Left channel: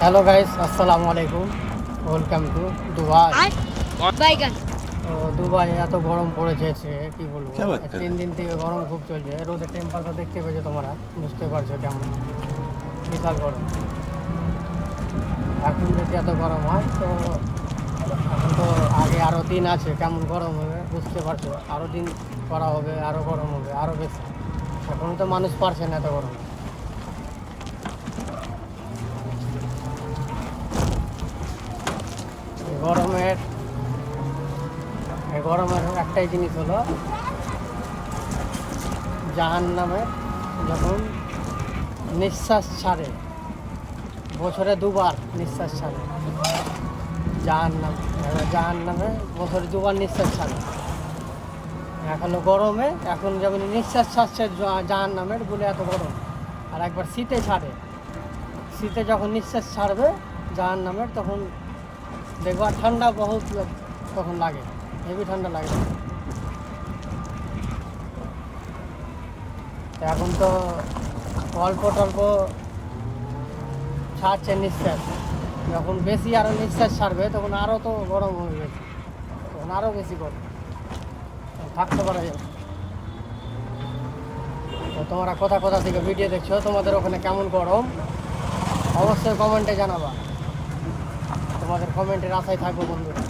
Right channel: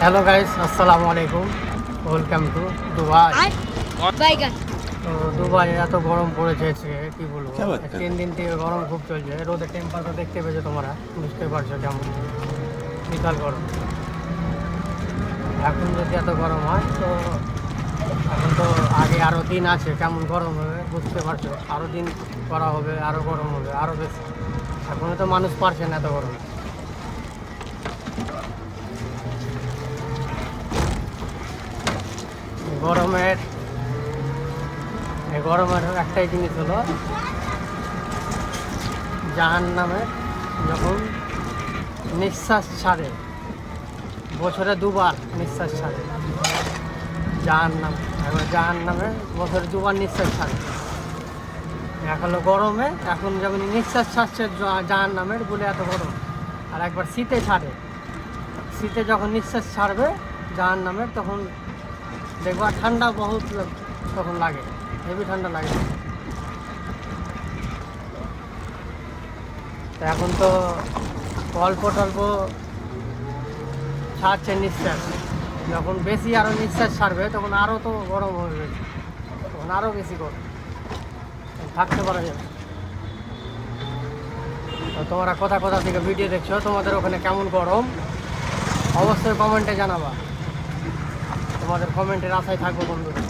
Hello guys, আসসালামু আলাইকুম। Welcome to Dubai. তো দুবাই এত গরম পড়েছে কি বলবো, 3 দিন থেকে গরম খুব চলছে। রোদের টেম্পারেচার দেখতে পেয়েছো তোমরা, বুঝতে পারছো কেমন বিশাল গরম। এখন যদি এত গরম হয় তো এখন তো আগে আরও দিন আছে, কেমন গরম হবে বুঝতে পারছো। আরও দিন করা হবে, আরও গরম হবে, আরও বেশি। এখনো তো মানুষ পারছে না এত গরম। গরমের একটাই জিনিস হলো, জাহান্নামে যখন নিঃশ্বাস ছাড়ে, বছরে 2বার নিঃশ্বাস ছাড়ে জাহান্নামে বছরে 2বার নিঃশ্বাস ছাড়ে। এখন গরমে এখন যখন নিঃশ্বাস ছাড়ছে জাহান্নামের বলে এত গরম, আর একবার শীতে ছাড়ে। শীতে যখন নিঃশ্বাস ছাড়বে জাহান্নামের তখন দেখবা ঠান্ডা বহুত তখন লাগে, হেভি ঠান্ডা লাগে। তো এখন তো অল্প টল্প ছাড়ছে নিঃশ্বাস, যখন বেশি আরও নিঃশ্বাস ছাড়বে তখন আরও তো গরম হয়ে গেছে, তখন আরও বেশি গরম, থাকতে পারা যাবে। তো তোমরা কোথা থেকে ভিডিও দেখছো, তোমাদের ওখানে কেমন গরম অবশ্যই কমেন্টে জানাবা। তোমাদের কমেন্টের আশায় থাকবো বন্ধুরা।